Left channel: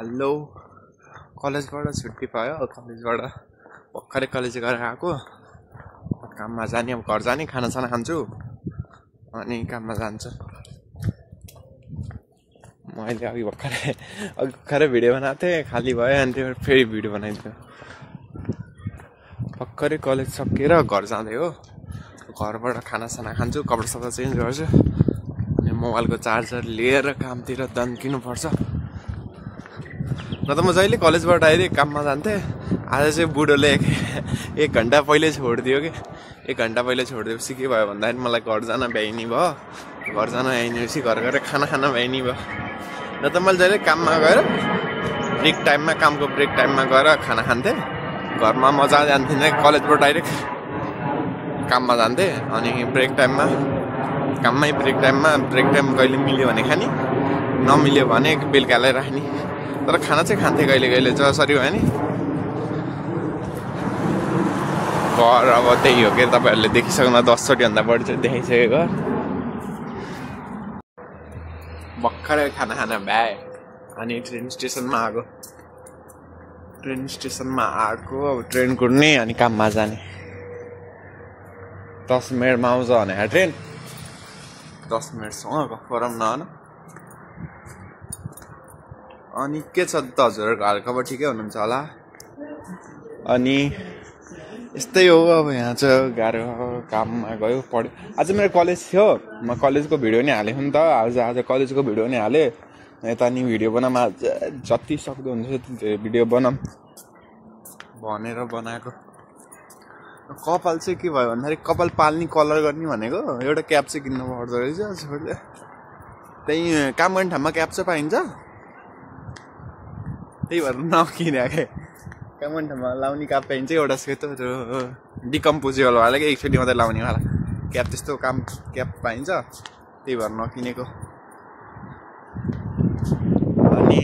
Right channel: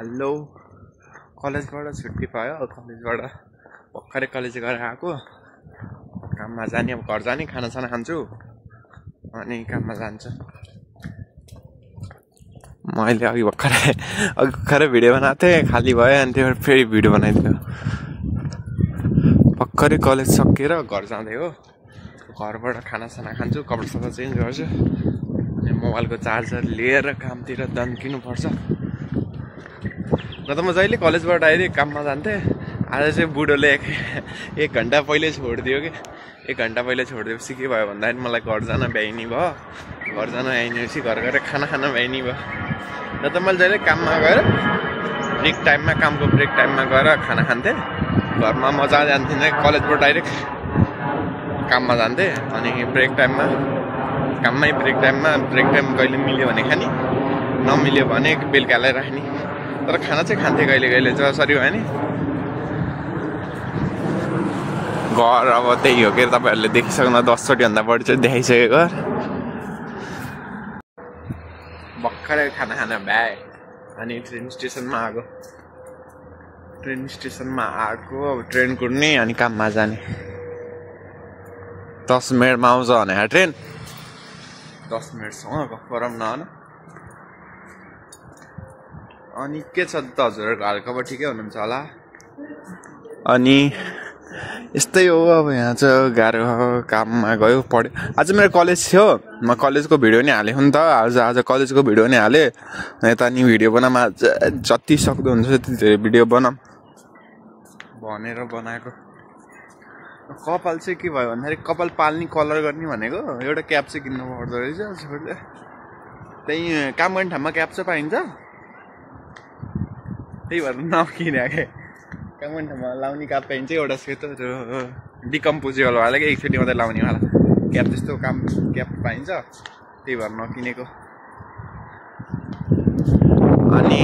hello कलेजबाट छुट्टी पायो कलेजबाट भर्खरै कलेज गरेर आएको काममा जाने अब घर जाने खानासाना खान्छु अनि काममा जान्छु मैले अघि भर्खरै भिडियो बनाएको थिएँ खाली भयो अनि त्यो फेरि भिडियो बनाइदियो भर्खरै कलेज सकेर घर जाँदै हो घरबाट खानासाना खान्छु कपडा सपडा चेन्ज गर्छु अनि मोबाइलको चार्जर लिएर कामतिर दन्किनुपर्छ न त म जहिले कलेजबाट डाइरेक्ट काममा जान्थेँ आज चाहिँ बुढोले एक घन्टा पहिले छोडिदियो कि एक घन्टा पहिले छोडिदिएपछि के भयो भन्दाखेरि मलाई घर जान भ्याइनी भयो घर जान भ्याइनेपछि घर गएर खाना खान भ्याइनी भयो न त मैले जहिले काममा गएर ब्रेक टाइममा कामको ब्रेक टाइममा गएर खाना खान्थेँ घरमा मजा जान्थिनँ कलेजबाट डाइरेक्ट काममा जान्थेँ अनि ब्रेक टाइममा काममै ब्रेक टाइम कहिले मिल्यो भने खाने नमिल्यो भने बेलुकालाई राख्ने तर खाना चाहिँ खान्थेँ कहिले जसरी भयो नि घर अब त्यही हो कि तपाईँहरूले देखिसक्नु 10चोटि भन्दा बढी चाहिँ देखाइसकेको भर्खरै खाना खान भ्याए अनि ट्रेन स्टेसनमा आएको अब ट्रेन कुद्ने अनि काममा जाने 10 मिनटमा आउँछ भने ट्रेन 10 मिनटसँग गफरम न अनि के छ त हजुरहरूको हालखबर ठिकै हुनुहुन्छ होला अनि यस्तै हो अब यहाँ चाहिँ गाह्रो काममा गयो पढ्यो आज मेरो कलेज थियो म कलेजको भिडियो नि हालेको नि त आज कलेजको भिडियो नि हालेँ यता नि भिडियो बनाऊँ जति सक्दो हुन्छ त्यति धेरै भिडियो बनाऊँ भनेर बनाएको कपाल चाहिँ के भयो भन्दाखेरि कपाल पाल्ने कलर गर्ने भनेको एउटा क्याप चाहिँ किन्नु पर्दो रहेछ त्यही काम गर्ने ठाउँमा क्याप चाहिँ पाइन्छ त्यही भएर नकिनेको काम गर्ने ठाउँमा लाउने क्याप पाइन्छ एउटा सेतो डिकम्पोजेबल वाला कि एकचोटि मात्रै लाउनेवाला क्याप त्यस्तो क्याप पाइन्छ त्यही भएर नकिनेको अनि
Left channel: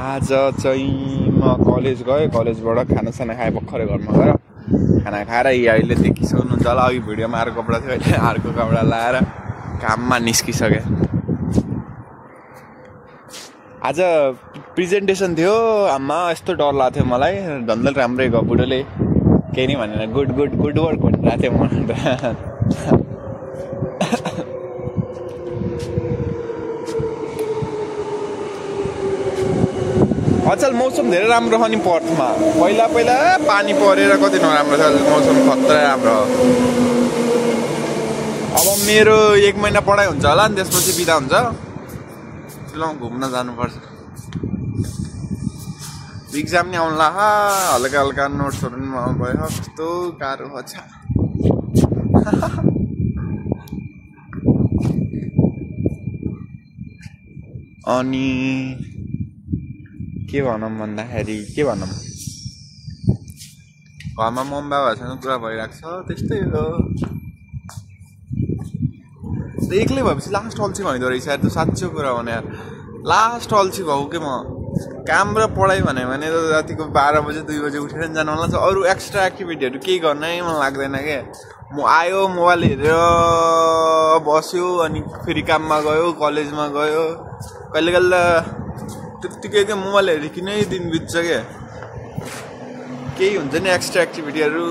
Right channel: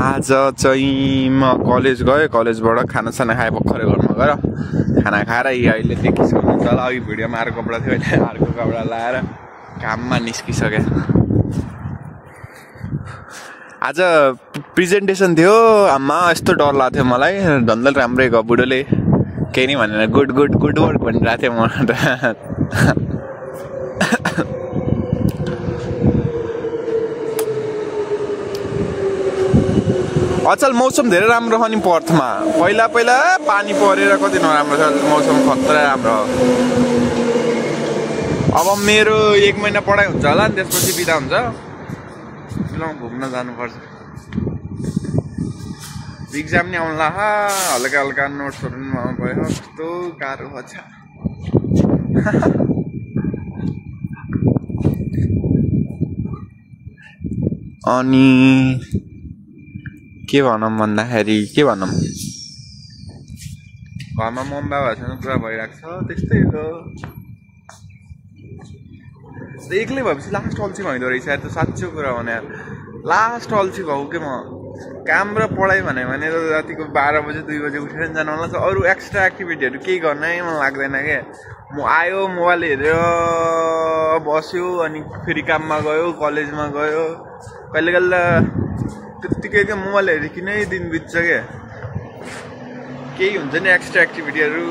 आज चाहिँ म कलेज गएँ कलेजबाट खानासाना खाएँ भर्खरै घरमा गएर खाना खाएर अहिले देखिसक्नु हुन्छ होला अघि भिडियोमा अर्को कपडा थियो अहिले अर्को कपडा लाएर काममा निस्किसकेँ आज प्रेजेन्टेसन थियो आमा यस्तो डर लाग्थ्यो थियो मलाई धन्दै राम्रै गयो बुढोले केही नि भनेर गुड वर्क भनिरहेको थियो म अचल मौसम धेरै राम्रो छ नि पर्थमा पहिला पानी परेर कति नराम्रो छ मौसम खतरा राम्रो अब मेरो 1 महिना पढाइ हुन्छ होला नि त्यसपछि बिदा हुन्छ घुम्न जानुपर्छ इक्जाम नि आउनु हल्का नोट्सहरू पनि आउनु भयो कस्तो गाह्रो छ अनि के भनौँ भन्दाखेरि के भनौँ घरमा मम्मी बाबाहरूसँग कुरा भइरहेको छ त्यस्तै हो एक्लै भएपछि लास्ट अल्छी भइदो रहेछ यार त साँच्चो कुरा भने यार लास्ट अल्छी भएको के म काम र पढाइ भने रातिको 12 बजे 2 बजे उठेर नि जानु होला अरू एक्स्ट्रा एक्टिभिटीहरू केही गर्नै मन लाग्दैन क्या म आयो मोबाइल हेरेर बस्यो अनि फेरि काममा गयो कलेजमा गयो कहिले त्यत्तिकै क्या मोबाइल हेरिकिनै दिन बित्छ क्या केही हुन्छ नि एक्स्ट्रा एक्टिभिटीहरू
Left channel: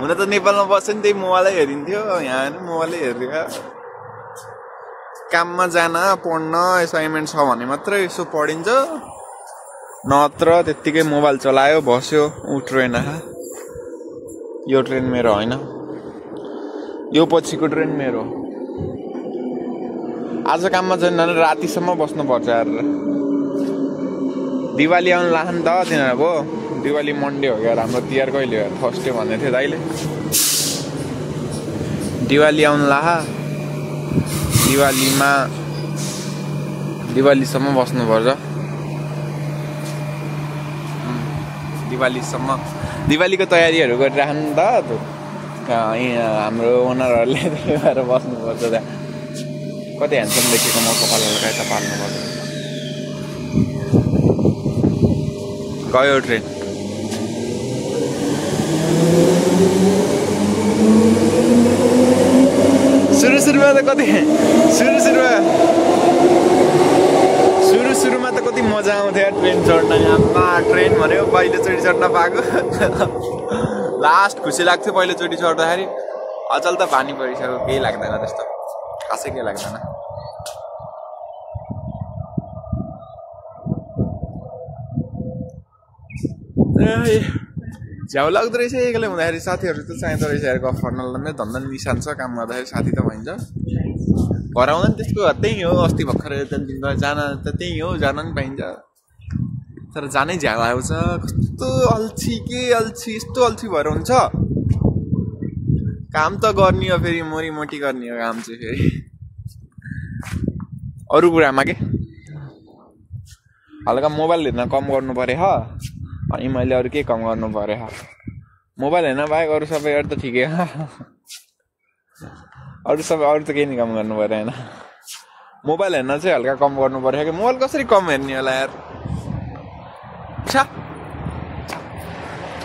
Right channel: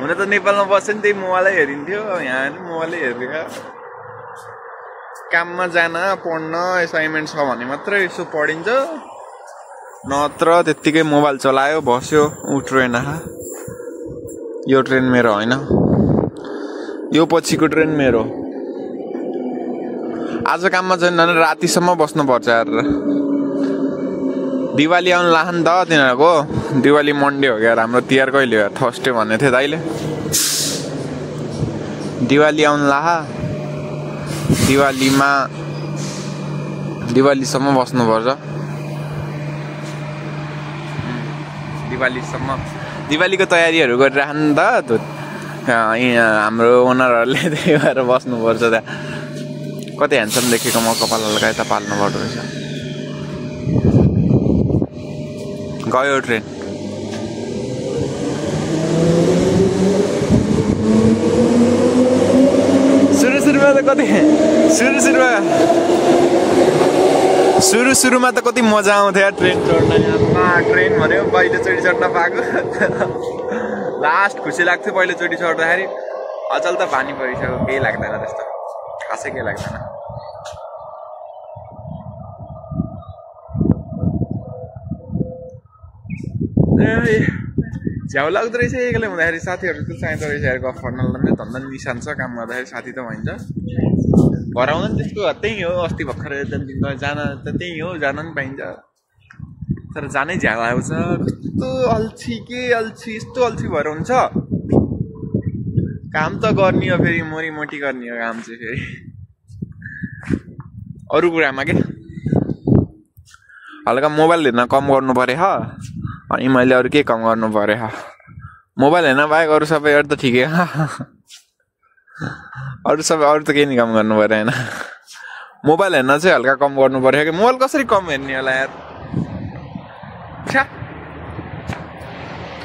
हुन त नेपालमा बस्यो नि त्यही मोबाइलै हेरिन्थ्यो यहाँ मोबाइलै हेरेर काममा जान पढ्न असाइनमेन्ट छ भने मात्रै यसो पढिन्छ नत्र त्यत्तिकै मोबाइल चलायो बस्यो ट्रेन यो ट्रेन मेरो होइन यो पछिको ट्रेन मेरो आज काममा जान रातिसम्म बस्नुपर्छ यार दिवाली आउनु लाग्छ नि त तिनीहरूको दिवाली मन्डे हो क्या हाम्रो तिहार कहिले हो थर्सडे भन्ने थियो दाइले दिवाली आउनु दिवालीसम्म बस्नुपर्छ दिवालीको तयारीहरू गरिराख्नु नि त हाम्रो ओनरहरूले त्यही भएर बस्नुपर्छ त्यहाँ कति ह्यान्डसम देखेको म कपाल हल्का यता पाल्नु पर्दो रहेछ गयो ट्रेन सुरुमा त कति सुरुमा त कति मजा आउँथ्यो यार ट्रेन चढ्न याममा ट्रेन भनेको पहिलोचोटि चढ्न पाएको लास्ट खुसी लाग्थ्यो पहिलोचोटि चढ्दाखेरि अचल त पानी परिसक्यो केही लाग्दैन त्यस्तो खासै केही लाग्दैन झ्याउ लाग्दो रहेछ एक्लै हुँदाखेरि साथीहरू त चाहिँदो रहेछ यार गफ गर्नलाई मेरो धन्दा निशान छ काम गर्दाखेरि साथी त भइन्छ घर आउँदा नि त्यसको त्यही हो अस्ति भर्खर दिनमा जान त त्यही हो जान नि पाइन्छ तर जानै झ्याउ आउँछ कस्तो अल्छी के अल्छी यस्तो अल्छी भएर हुन्छ काम त गर्ने हो फेरि मोरी मोटी गर्ने हो काम चाहिँ फेरि अरू कुरामा के हल्का मोबाइल हेर्न कम गर्नु पर्यो अनि मैले अरू के कम गर्नु पर्यो मोबाइल हेर्न बाहेक अरू सबै अरू त ठिकै अरू सबै अरू त केही नि कम गर्नु पर्यो होइन मोबाइल हेर्न चाहिँ हल्का कम गर्नु पर्यो कि मोबाइल कसरी कम हेर्ने होला यार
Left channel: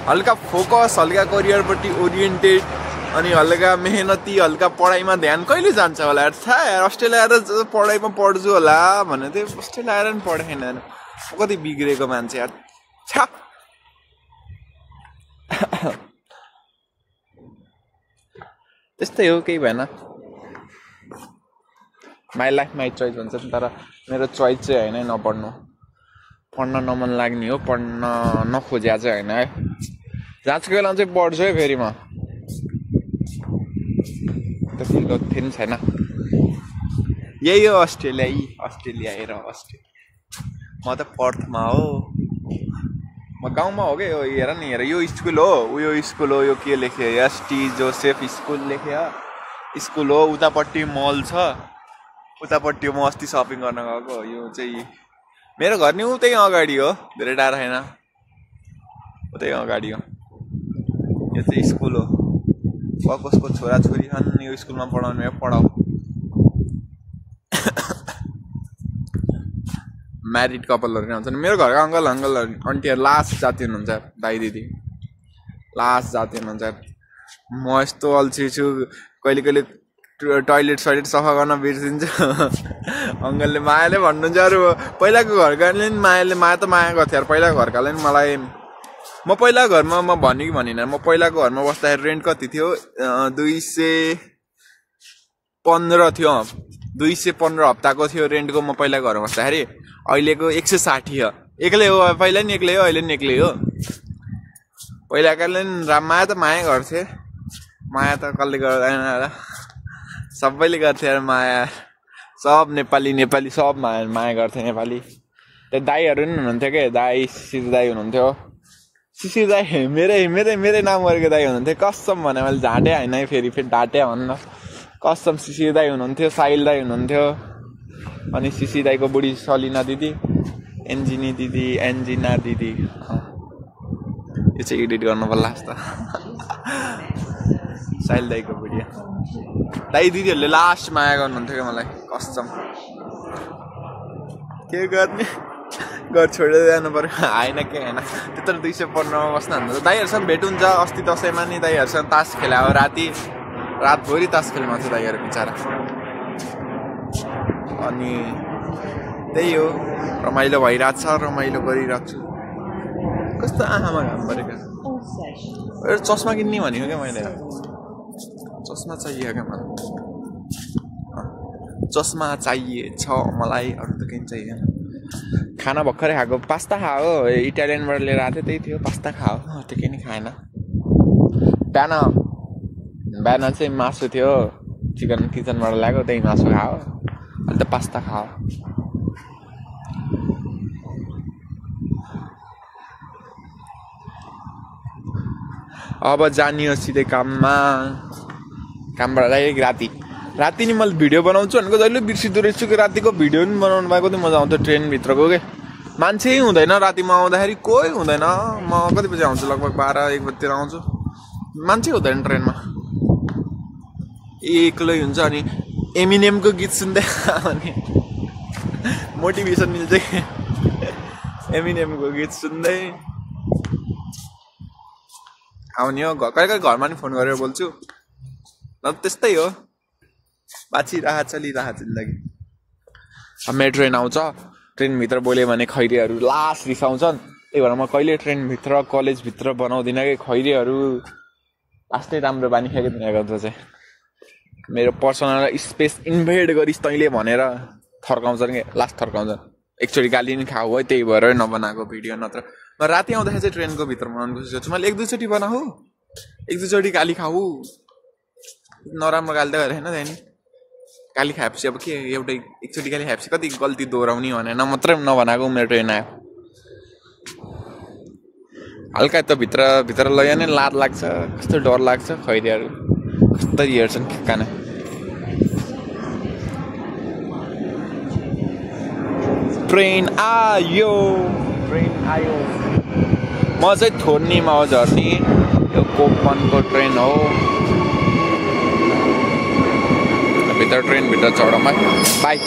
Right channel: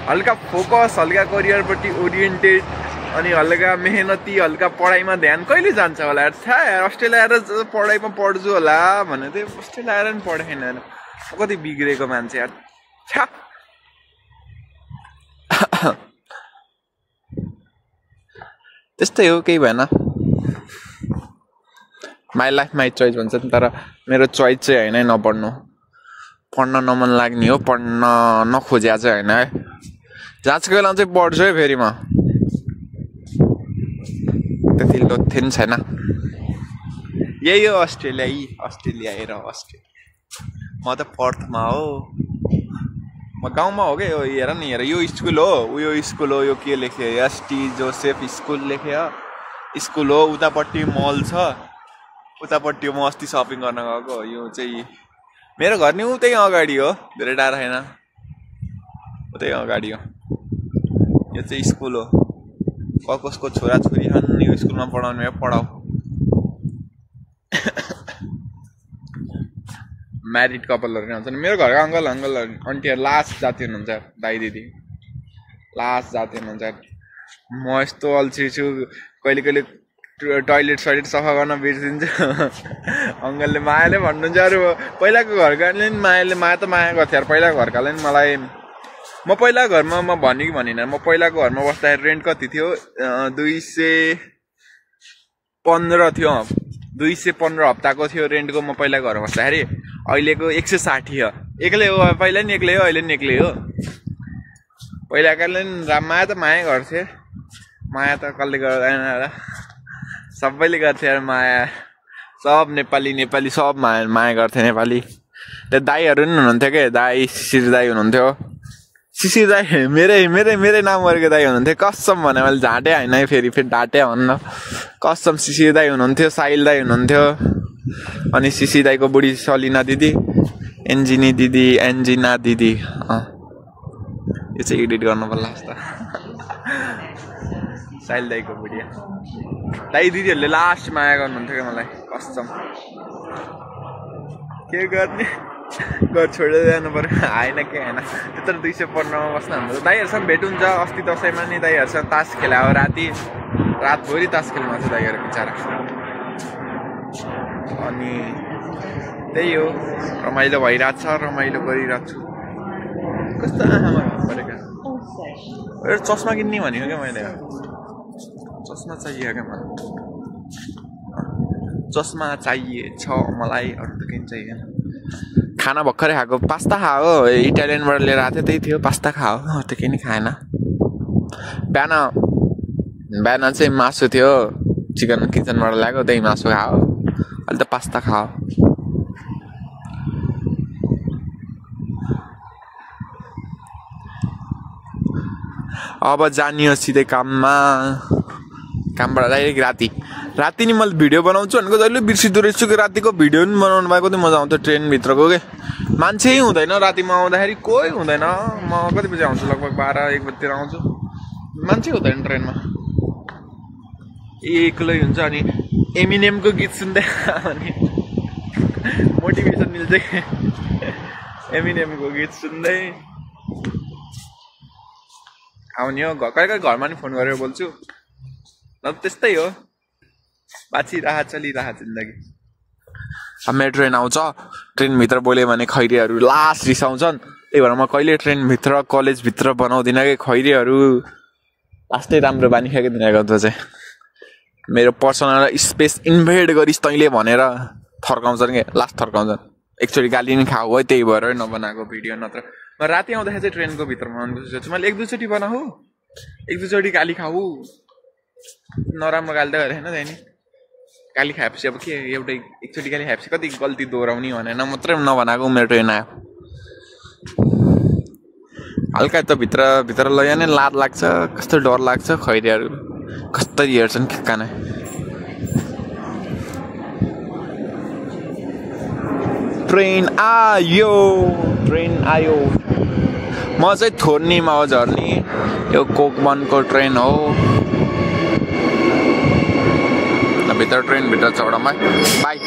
हल्का फोकस हल्का करियरपट्टि ओरिएन्टेड अनि हल्का मेहनती हल्का पढाइमा ध्यान कहिले जान्छ होला यार थाहा यार अस्ट्रेलिया आएर पढाइमा पढ्छु होला भने चाहिँ अस्ट्रेलिया आएर पनि पढेन कति बिग्रेको मान्छे यार छा त्यस्तै हो केही भएन माई लाइफ माई चोइस भन्छ नि तर मेरो चोइस चाहिँ होइन नपढ्नु पढ्न नमन लाग्ने हो पढ्न नखोज्या चाहिँ होइन है जाँचको बेला चाहिँ पढ्छु है फेरि म त्यति लोथे पनि छैन यही हो अस्ट्रेलिया हेर अस्ट्रेलिया म त पर्थमा हो म गाउँमा हो क्या हेर नि हेर यो स्कुल हो उयो स्कुल हो यो के लेख्यो एसटी जोसेफ स्कुल लेख्यो स्कुल हो उतापट्टि मल छ उतापट्टि म अस्ति सपिङ गर्न गएको यो चाहिँ मेरो घर नि उतै अगाडि हो धेरै टाढा छैन उतै अगाडि हो यो चाहिँ स्कुल हो कसको छोराछोरी छन् यो स्कुलमा पढाउने पढाऊ म्यारिड कपालहरू आउँछ नि मेरो घरको अङ्कल आन्टीहरू लास्ट जाति हुनुहुन्छ दाइ दिदी लास्ट जाति हुनुहुन्छ म यस्तो अल्छी छु कहिले कहिले टोइलेट सइलेट सफा गर्न बिर्सिन्छु अङ्कलले मायाले भन्नुहुन्छ अरू पहिलाको घरकाले नि माया त माया गर्थ्यो यार पहिलाको घरकाले नि मलाई म पहिला घरमा म भने कि भनिनँ म पहिलाको घरमा बस्दाखेरि रेन्ट कति थियो 215 थियो 215 हप्ताको थियो रेन्टको म पहिला घर बस्दाखेरि अहिलेको 160 हो एक्लै हो पहिला नि एक्लै हो अहिले नि एक्लै हो पहिलाकाले नि माया त माया गर्थे माया त कसले गर्दैन सबैले गर्थे यार माया सब नेपाली सब माया गर्थे नेपाली त्यो दाईहरू नि हुनुहुन्थ्यो के दाई शिशिर दाई हुनुहुन्थ्यो शिशिर दाई मेरै नाम गरेको दाई हुनुहुन्थ्यो कसम भने मैले झाँटे होइन फेरि डाँटे भन्न कसम शिशिर दाई हुनुहुन्थ्यो साहिल दाई हुनुहुन्थ्यो अनि शिशिर दाईको बुढी सलिना दिदी एन्जिना दिदी यो चाहिँ एडिट गर्नु पर्ला जस्तो साहिल दाईको बुढी दाई दिदीहरूले लास्ट माया गर्नुहुन्थ्यो क्या मलाई कसम के गर्ने घर छोडेर जानु पर्यो आएन के होइन त्यत्रो 215 बस्नु हुन्छ दाईहरूसँग भेट हुन्छ अस्ति दसैँमा नि दाईहरूसँग तास खेलायो रातभरि तास खेल्नु आउँछ दाईहरू बिचरा अनि त्यही हो रमाइलो भइरहेको छ रमाइलो गरिरहेको छु कस्तो आँखामा घाम परेको एउटा चस्मा किन्ने भनेको क्या मैले चस्मा चाहियो क्या मलाई चस्मा चाहिए छ मलाई अरू त केही चाहिएन खाना भर्खरै खाएको पास्ता खायो इटालियनबाट लिएर आएको थियो त्यही थियो पास्ता खायो त्यो केही नि खाएन बिहान चाहिँ मासु थियो चिकन किचनबाट ल्याएको त्यही मासु खायो अहिले त पास्ता खायो अब जानियो सिधै कामबाट डाइरेक्ट राति नि मैले भिडियो बनाउँछु भनेको जहिले बिर्सिँदो रहेछु कि रातिको भिडियो पनि बनाउनु भएको कति मजा आउँथ्यो ट्रेनभित्रको के मान्छे हुँदैन रातिमा आउँदाखेरि कोही हुँदैन म कति बजी आउँछु लगभग 12-1 बजीतिर आउँछु मान्छे हुँदैन ट्रेनमा एक्लै हुन्छ अनि एमिनेमको गीत सुन्दै अनि मोटिभेसन मिल्छ एमिनेमको गीत सुन्दै आउने हो कहिले घरमा नि फोन गरेर बोल्छु न त्यस्तै हो बाँचिरहेको चलिरहेको जिन्दगी मेरो ट्रेन आउँछ ट्रेनभित्र बोल्यो भने खैरेहरू लास्ट रिसाउँछन् त्यही भएर म कहिले ट्रेनभित्र कलेजभित्र बनाउँदिनँ कि खैरेहरू लास्टै राम्रो बानी खाएको दिनको त चाहिँ मेरो पर्सनल स्पेस इन्भेड गरिस् तैँले भनेर थर्काउँछन् कि लास्ट थर्काउँछन् एकचोटि गाली नि खाऊ है त्यही भएर नबनाएको भिडियो नत्र म राति आउँदाखेरि चाहिँ ट्रेनको भित्र बनाउनु खोजेको छु मैले 1-2 चोटि बनाऊ 1-2 चोटि गाली खाऊ नराम्रो गाली त गरेन नि गाली खाएपछि अब के एउटै एकचोटि गाली खाएपछि कति गल्ती दोहोऱ्याउने भनेर मात्रै नबनाएको मेरो ट्रेन आयो हल्का त भित्र लग्यो भने लाज लाग्छ कस्तो डर लाग्छ खैरेहरू कस्तरी हेर्छन् ठिक्काना ट्रेन आयो म चाहिँ थोर्नीमा हो झर्नी यो कोकमनको ट्रेन हो भित्र ट्रेनभित्र चढौँ है बाई